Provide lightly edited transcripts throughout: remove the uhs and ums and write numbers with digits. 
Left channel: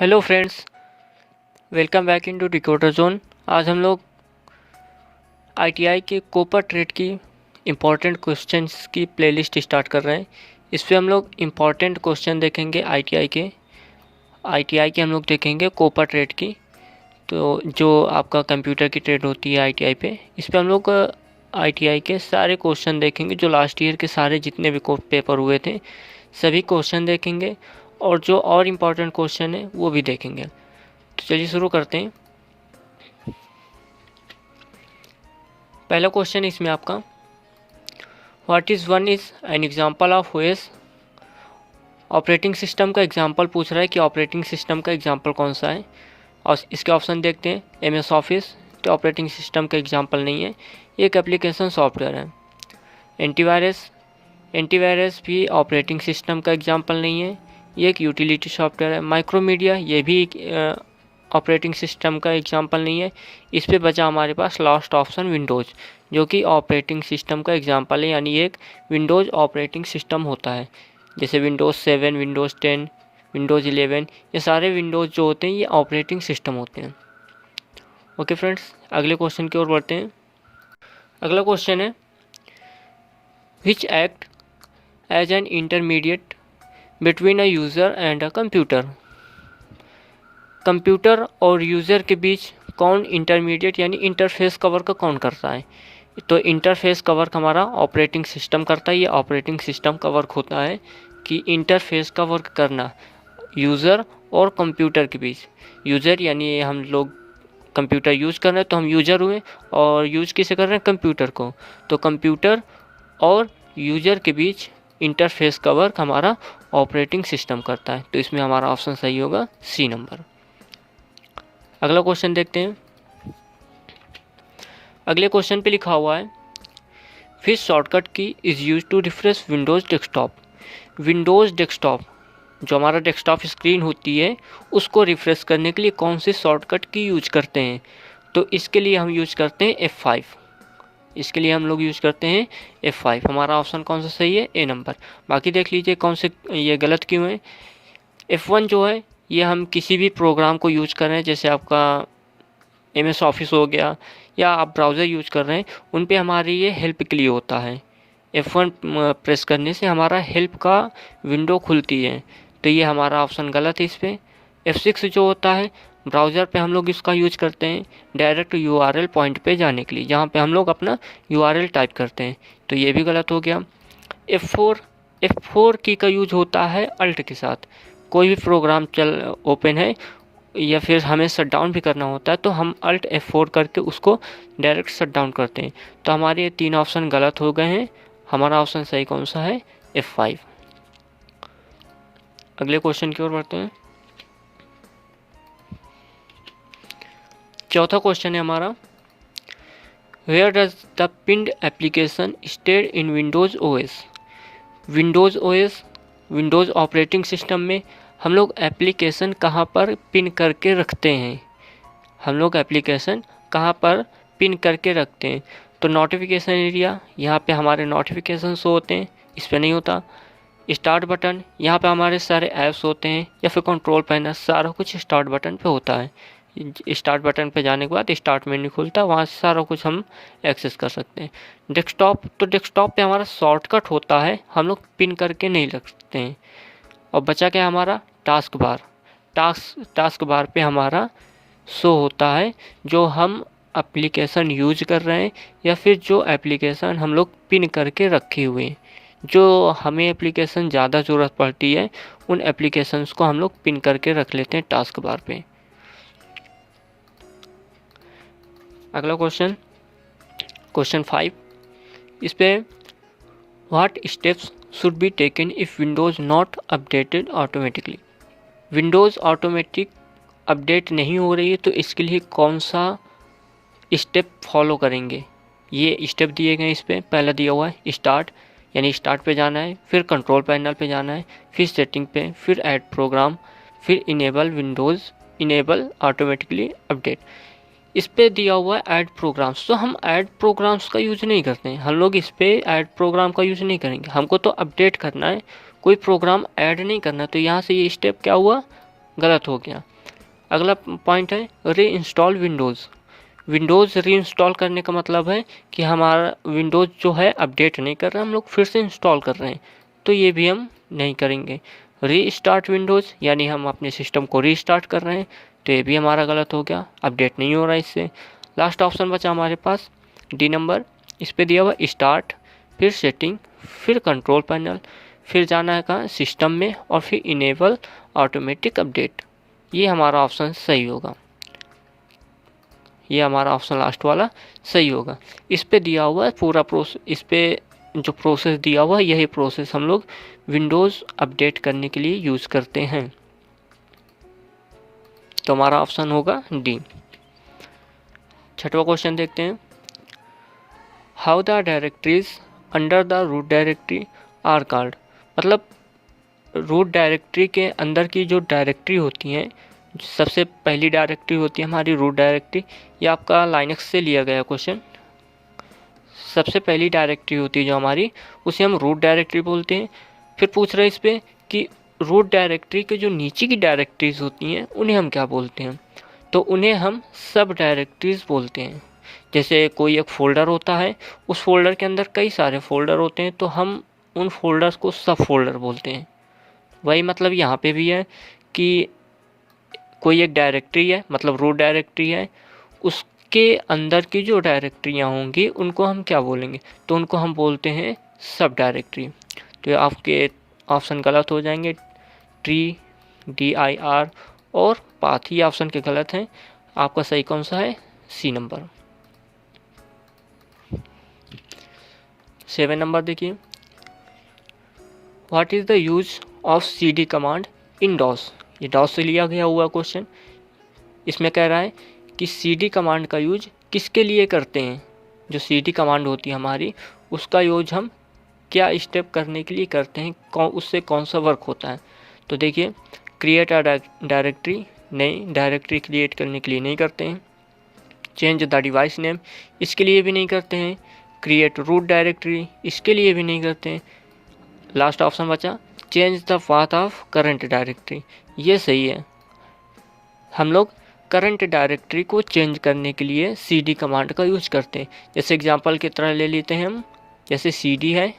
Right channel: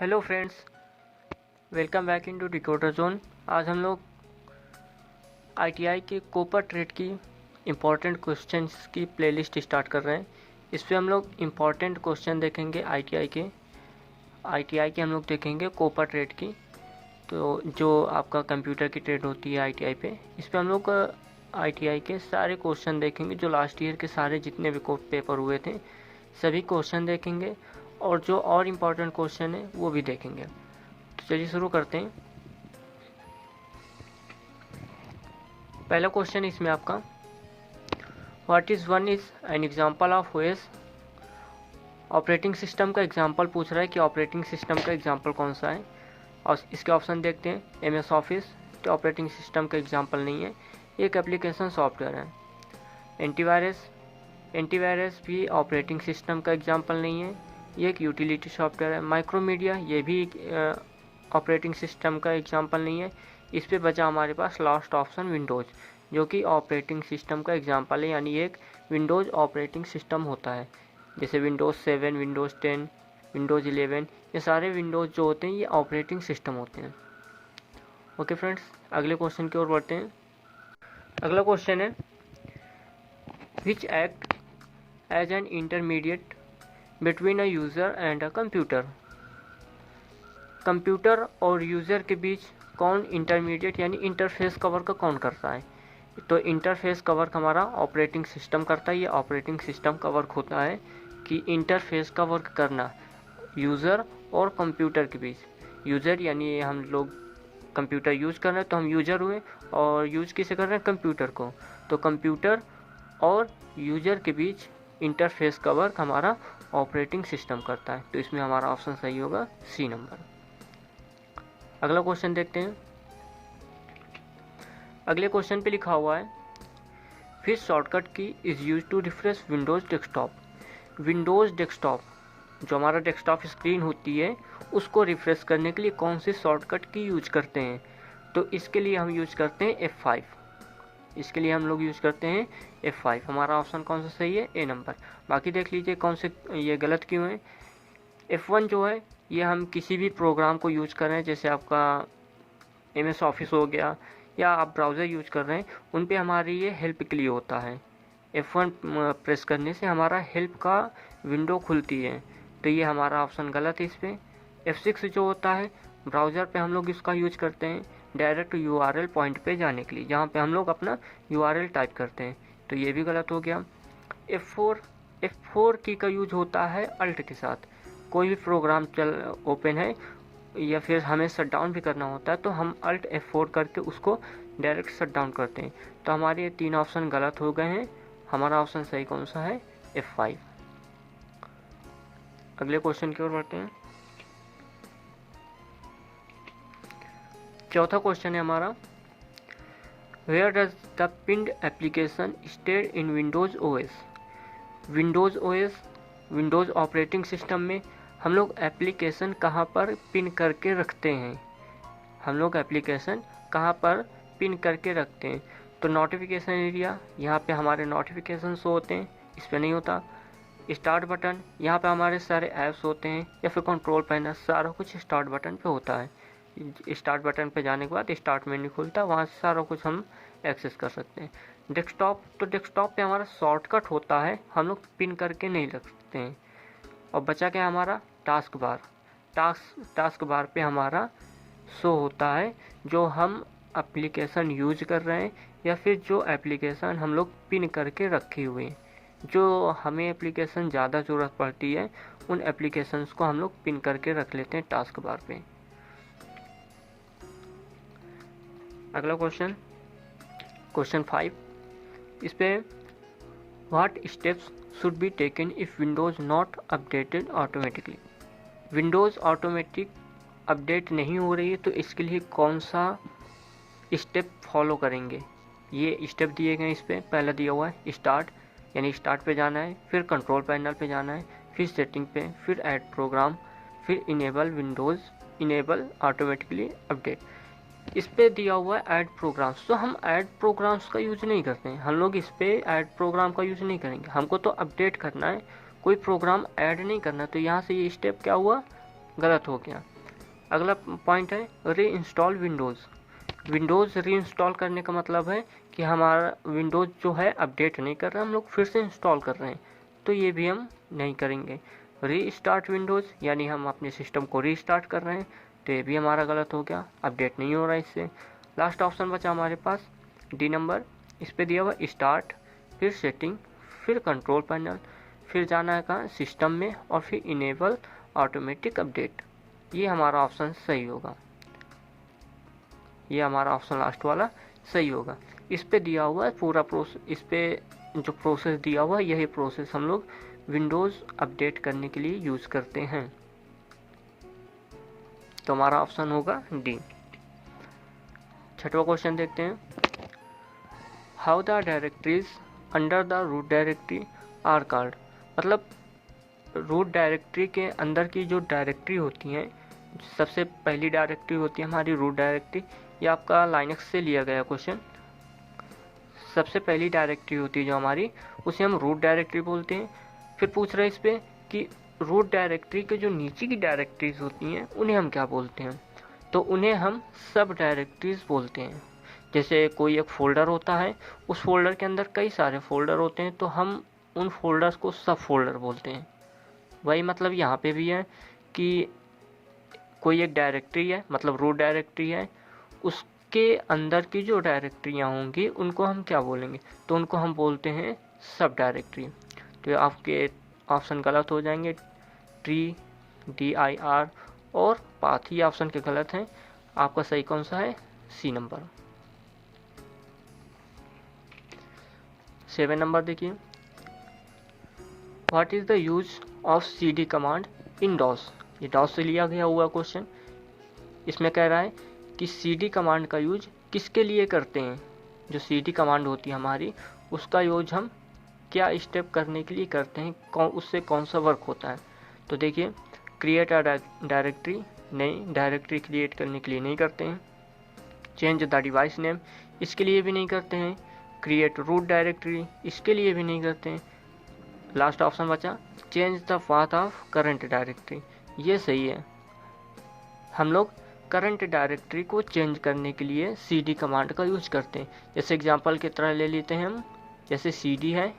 Hello friends, welcome back into decoder zone. आज हम लोग आईटीआई के कोपर ट्रेड की इम्पोर्टेंट क्वेश्चंस की प्लेलिस्ट स्टार्ट कर रहे हैं। इस पे हम लोग इम्पोर्टेंट क्वेश्चन देखेंगे आईटीआई के हम लोग देखेंगे कोपर ट्रेड की। तो जो आपका कंप्यूटर की ट्रेड होती है आईटीआई पे, इस पे हम लोग आईटीआई के सारे क्वेश्चन देखेंगे। जो लास्ट ईयर के सारे जितने भी पेपर हुए थे सभी क्वेश्चन देखेंगे, और जो और इम्पोर्टेंट क्वेश्चन है वो भी देखेंगे। तो चलिए शुरू करते हैं। पहला क्वेश्चन इसमें आपका what is one is an example of OS. Operating system का एग्जांपल पूछ रहा है कि ऑपरेटिंग सिस्टम का एग्जांपल कौन सा है, और इसके ऑप्शन देखते हैं। एमएस ऑफिस तो ऑपरेटिंग सिस्टम का एग्जांपल नहीं है, एक एप्लीकेशन सॉफ्टवेयर है। एंटीवायरस भी ऑपरेटिंग सिस्टम का एग्जांपल नहीं है, ये एक यूटिलिटी सॉफ्टवेयर है। माइक्रोमीडिया ये भी एक ऑपरेटिंग सिस्टम का एग्जांपल नहीं है। इस पे बचा हमारे पास लास्ट ऑप्शन विंडोज़, जो कि ऑपरेटिंग सिस्टम का एग्जांपल है, यानी एक विंडोज़ ऑपरेटिंग सिस्टम होता है। जैसे विंडोज़ 7, विंडोज़ 10, विंडोज़ 11, ये सारे विंडोज़ जो होते हैं ये ऑपरेटिंग सिस्टम होते हैं। ओके फ्रेंड्स, अगले क्वेश्चन की ओर बढ़ते हैं। अगला क्वेश्चन है which act as an intermediate between a user and a computer. Computer और यूज़र के बीच कौन इंटरमीडिएट यानी इंटरफेस कवर का कौन करता है। तो इंटरफेस कवर हमारा ऑपरेटिंग सिस्टम करता है। ये ऑपरेटिंग सिस्टम का वर्क होता है कि इंटरफेस का वर्क करना यूज़र और कंप्यूटर के बीच। यूज़र यानी हम लोग कंप्यूटर यूज़ कर रहे हैं तो हम यूज़र हुए, और यूज़ किसे कर रहे हैं, कंप्यूटर को। तो कंप्यूटर और यूज़र के बीच इंटरफेस का वर्क हमारा ऑपरेटिंग सिस्टम करता है। तो इसमें हमारा ऑप्शन सही होगा सी नंबर। अगला क्वेश्चन देखते हैं। अगले क्वेश्चन पे लिखा हुआ है फिर shortcut key is use to refresh Windows desktop. Windows desktop जो हमारा डेस्कटॉप स्क्रीन होती है उसको रिफ्रेश करने के लिए कौन सी शॉर्टकट की यूज करते हैं। तो इसके लिए हम यूज करते हैं F5। इसके लिए हम लोग यूज करते हैं F5। हमारा ऑप्शन कौन सा सही है, ए नंबर। बाकी देख लीजिए कौन से ये गलत क्यों है। F1 जो है ये हम किसी भी प्रोग्राम को यूज कर रहे हैं, जैसे आपका MS ऑफिस हो गया या आप ब्राउज़र यूज कर रहे हैं, उन पे हमारी ये हेल्प के लिए होता है। F1 प्रेस करने से हमारा हेल्प का विंडो खुलती है, तो ये हमारा ऑप्शन गलत है इस पर। F6 जो होता है ब्राउज़र पे हम लोग इसका यूज करते हैं डायरेक्ट URL पॉइंट पे जाने के लिए, जहाँ पे हम लोग अपना URL टाइप करते हैं, तो ये भी गलत हो गया। F4 की का यूज होता है अल्ट के साथ। कोई भी प्रोग्राम ओपन है या फिर हमें शट डाउन भी करना होता है तो हम अल्ट F4 करके उसको डायरेक्ट शट डाउन करते हैं। तो हमारे ये 3 ऑप्शन गलत हो गए हैं। हमारा ऑप्शन सही कौन सा है, F5। अगले क्वेश्चन की ओर बढ़ते हैं। चौथा क्वेश्चन है हमारा where does the pinned application stay in Windows OS। Windows operating system में हम लोग एप्लीकेशन कहाँ पर पिन करके रखते हैं। हम लोग एप्लीकेशन कहाँ पर पिन करके रखते हैं। तो नोटिफिकेशन एरिया, यहाँ पे हमारे नोटिफिकेशन शो होते हैं, इस पर नहीं होता। स्टार्ट बटन, यहाँ पे हमारे सारे ऐप्स होते हैं, या फिर कंट्रोल पैनल, सारा कुछ स्टार्ट बटन पे होता है। स्टार्ट बटन पे जाने के बाद स्टार्ट मेन्यू खुलता है, वहाँ से सारा कुछ हम एक्सेस कर सकते हैं। डेस्कटॉप, तो डेस्कटॉप पे हमारा शॉर्टकट होता है, हम लोग पिन करके नहीं रखते हैं। और बचा क्या हमारा, टास्क बार। टास्क बार पे हमारा शो होता है जो हम एप्लीकेशन यूज कर रहे हैं, या फिर जो एप्लीकेशन हम लोग पिन करके रखे हुए हैं। जो हमें एप्लीकेशन ज़्यादा ज़रूरत पड़ती है उन एप्लीकेशंस को हम लोग पिन करके रख लेते हैं टास्क बार पे। अगला क्वेश्चन 5, इस पे what steps should be taken if Windows not updated automatically. Windows automatic update नहीं हो रही है तो इसके लिए कौन सा स्टेप फॉलो करेंगे। ये स्टेप दिए गए इस पर। पहला दिया हुआ है स्टार्ट, यानी स्टार्ट पे जाना है, फिर कंट्रोल पैनल पे जाना है, फिर सेटिंग पे, फिर ऐड प्रोग्राम, फिर इनेबल ऑटोमेटिकली अपडेट। इस पे दिया हुआ है ऐड प्रोग्राम्स, तो हम ऐड प्रोग्राम्स का यूज़ नहीं करते हैं। हम लोग इस पे ऐड प्रोग्राम का यूज़ नहीं करेंगे, हमको तो अपडेट करना है, कोई प्रोग्राम ऐड नहीं करना। तो यहाँ से ये स्टेप क्या हुआ, गलत हो गया। अगला पॉइंट है री इंस्टॉल विंडोज़। विंडोज़ री इंस्टॉल करने का मतलब है कि हमारा विंडोज़ जो है अपडेट नहीं कर रहा, हम लोग फिर से इंस्टॉल कर रहे हैं, तो ये भी हम नहीं करेंगे। री स्टार्ट विंडोज़ यानी हम अपने सिस्टम को रीस्टार्ट कर रहे हैं, तो ये भी हमारा गलत हो गया, अपडेट नहीं हो रहा है इससे। लास्ट ऑप्शन बचा हमारे पास डी नंबर, इस पर दिया हुआ स्टार्ट, फिर सेटिंग, फिर कंट्रोल पैनल, फिर जाना है कहाँ सिस्टम में, और फिर इनेबल ऑटोमेटिक अपडेट। ये हमारा ऑप्शन सही होगा, ये हमारा ऑप्शन लास्ट वाला सही होगा। इस पे दिया हुआ है पूरा प्रोसेस, इस पे जो प्रोसेस दिया हुआ है यही प्रोसेस हम लोग विंडोज़ अपडेट करने के लिए यूज़ करते हैं, तो हमारा ऑप्शन होगा डी। छठवां क्वेश्चन देखते हैं, how the directories under the root directory are called. मतलब रूट डायरेक्टरी के अंदर की जो डायरेक्टरी होती हैं, सबसे पहली डायरेक्टरी होती है हमारी रूट डायरेक्टरी। ये आपका लाइनक्स से लिया गया क्वेश्चन। सबसे पहली डायरेक्टरी होती है जो हमारी, उसे हम रूट डायरेक्टरी बोलते हैं। फिर पूछ रहे हैं इस पर कि रूट डायरेक्टरी के जो नीचे की डायरेक्टरीज होती हैं उन्हें हम क्या बोलते हैं, तो उन्हें हम सब डायरेक्टरीज बोलते हैं। जैसे कोई एक फ़ोल्डर होता है, उस फोल्डर के अंदर कई सारे फोल्डर होते हैं, तो हम उन फोल्डर्स को सब फोल्डर बोलते हैं। वही मतलब यहाँ पे भी है कि कोई एक डायरेक्टरी है, मतलब रूट डायरेक्टरी है, उसके अंदर की जो डायरेक्टरियाँ होंगी उनको हम क्या बोलेंगे, तो उनको हम बोलते हैं सब डायरेक्टरी। तो आपके ऑप्शन गलत हो जाएंगे, ट्री, DIR और पाथ, ये ऑप्शन के गलत हैं। आपका सही कौन सा है, सी नंबर। 7 नंबर देखिए, what is the use of CD command in DOS. ये डॉस से लिया गया हुआ क्वेश्चन। इसमें कह रहा है कि CD कमांड का यूज किसके लिए करते हैं। जो CD कमांड होती है हमारी, उसका यूज हम क्या स्टेप करने के लिए करते हैं, उससे कौन सा वर्क होता है। तो देखिए, क्रिएट अ डायरेक्टरी, नई डायरेक्टरी क्रिएट करने के लिए नहीं करते हैं। चेंज द डिवाइस नेम, इसके लिए भी नहीं करते हैं। क्रिएट रूट डायरेक्टरी, इसके लिए भी नहीं करते हैं। लास्ट ऑप्शन बचा change the path of current directory, ये सही है। हम लोग करंट डायरेक्टरी को चेंज करने के लिए CD कमांड का यूज करते हैं। जैसे एग्जांपल की तरह ले लेते हैं हम, जैसे CD है,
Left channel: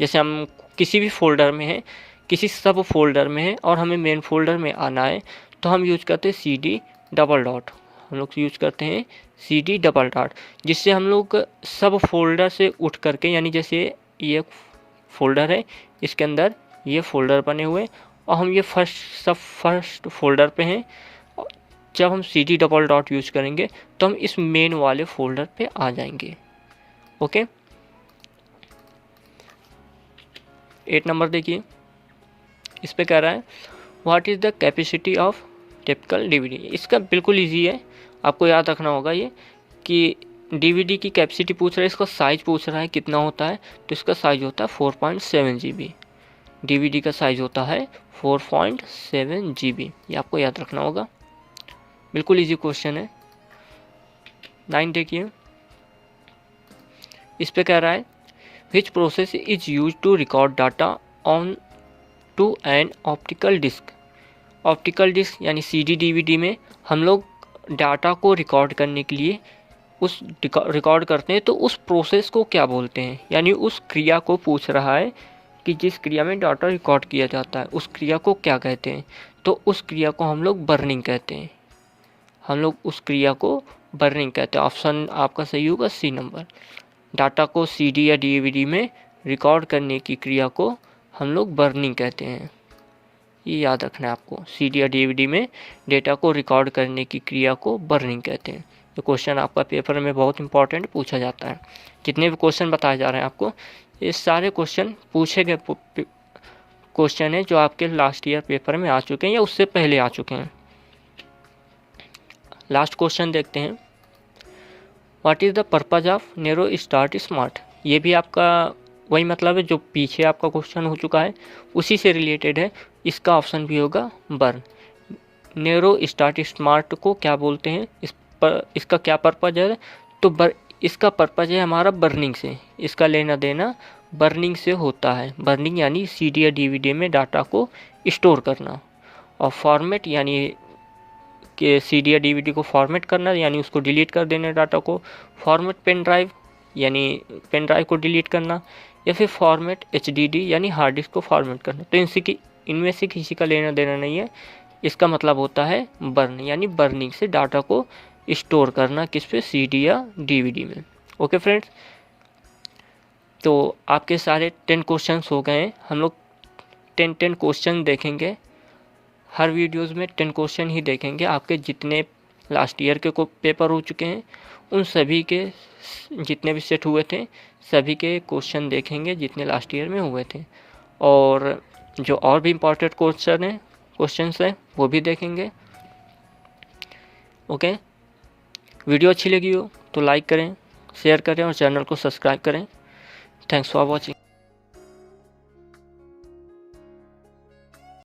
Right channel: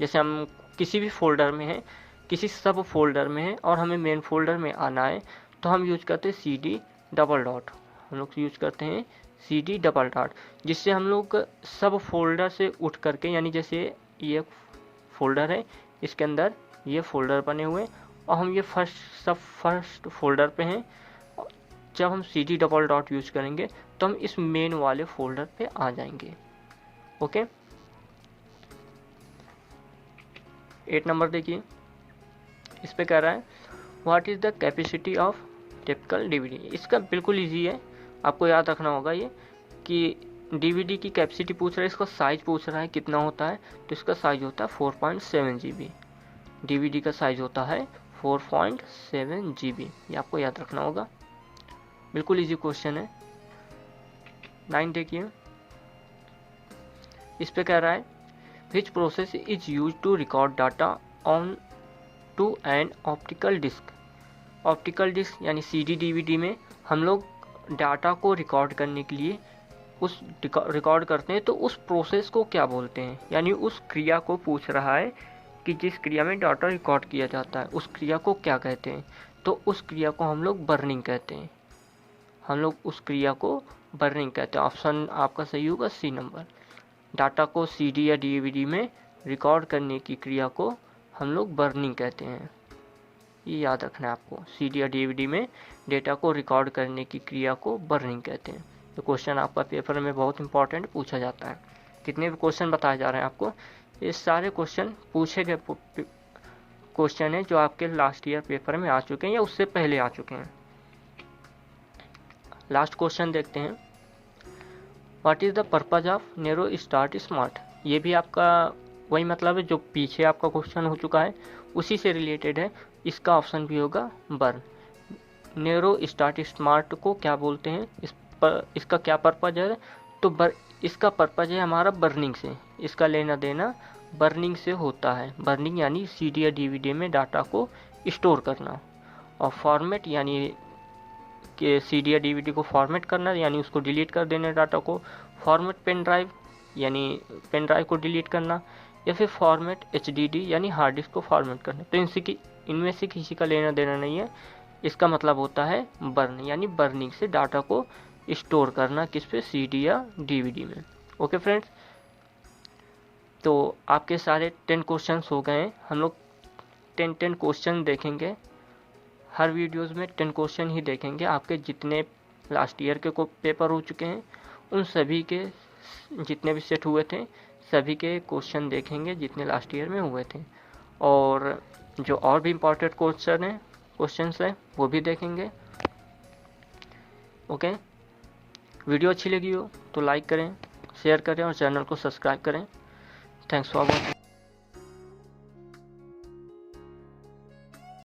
जैसे हम किसी भी फोल्डर में है, किसी सब फोल्डर में है और हमें मेन फोल्डर में आना है, तो हम यूज करते हैं CD डबल डॉट। हम लोग यूज करते हैं CD डबल डॉट, जिससे हम लोग सब फोल्डर से उठ करके, यानी जैसे ये फोल्डर है, इसके अंदर ये फोल्डर बने हुए और हम ये फर्स्ट फोल्डर पे हैं। जब हम CD डबल डॉट यूज करेंगे तो हम इस मेन वाले फोल्डर पे आ जाएंगे। ओके, 8 नंबर देखिए, इस पे कह रहा है what is the capacity of typical DVD। इसका बिल्कुल इजी है, आपको याद रखना होगा ये कि DVD की कैपेसिटी पूछ रहा है, इसका साइज़ पूछ रहा है कितना होता है, तो इसका साइज़ होता है 4.7 GB। DVD का साइज़ होता है 4.7 GB, ये आपको याद रखना होगा, बिल्कुल इजी क्वेश्चन है। 9 देखिए, इस पे कह रहा है which process is use to record data on to an optical disc. Optical disc यानी CD DVD में हम लोग डाटा को रिकॉर्ड करने के लिए उस रिकॉर्ड करते हैं, तो उस प्रोसेस को क्या बोलते हैं, यानी उस क्रिया को पूछ रहा है कि जिस क्रिया में डाटा रिकॉर्ड किया जाता है उस क्रिया को क्या कहते हैं, तो उस क्रिया को हम लोग बर्निंग कहते हैं। हम लोग उस क्रिया को बर्निंग कहते हैं। ऑप्शन आपका सही होगा सी नंबर। डाटा को CD या DVD में रिकॉर्ड करने की क्रिया को हम लोग बर्निंग कहते हैं, ये याद रखना है आपको। CD या DVD में डेटा को रिकॉर्ड करने की क्रिया को बर्निंग कहते हैं। ये क्वेश्चन आपका पेपर में बहुत इंपॉर्टेंट पूछा जाता है। जितने भी क्वेश्चन बताए जा रहे हैं आपको, ये सारे क्वेश्चन पूछे गए क्वेश्चन है जो आपके लास्ट ईयर पेपर में आ चुके हैं या उससे पहले आ चुके हैं। लास्ट क्वेश्चन देखते हैं, what is the purpose of narrow start smart. ये भी आपका वही मतलब है जो पीछे आपका क्वेश्चन हो चुका है, उसी से रिलेटेड है। इसका ऑप्शन भी होगा बर्न। नैरो स्टार्ट स्मार्ट को क्या बोलते हैं, इसका क्या पर्पज़ है, तो इसका पर्पज़ है हमारा बर्निंग से, इसका लेना देना बर्निंग से होता है। बर्निंग यानी CD या DVD में डाटा को स्टोर करना, और फॉर्मेट यानी कि CD या DVD को फॉर्मेट करना यानी उसको डिलीट कर देना डाटा को, फॉर्मेट पेन ड्राइव यानी पेन ड्राइव को डिलीट करना, या फिर फॉर्मेट HDD यानी हार्ड डिस्क को फॉर्मेट करना। तो इनमें से किसी का लेना देना नहीं है। इसका मतलब होता है बर्न यानी बर्निंग से डाटा को स्टोर करना, किस पे, CD या DVD में। ओके फ्रेंड्स, तो आपके सारे 10 क्वेश्चंस हो गए। हम लोग 10 क्वेश्चन देखेंगे, हर वीडियोस में 10 क्वेश्चन ही देखेंगे। आपके जितने लास्ट ईयर के को पेपर हो चुके हैं उन सभी के जितने भी सेट हुए थे सभी के क्वेश्चन देखेंगे जितने लास्ट ईयर में हुए थे, और जो और भी इम्पोर्टेंट क्वेश्चंस है वो भी देखेंगे। ओके, वीडियो अच्छी लगी हो तो लाइक करें, शेयर करें और चैनल को सब्सक्राइब करें। Thanks for watching.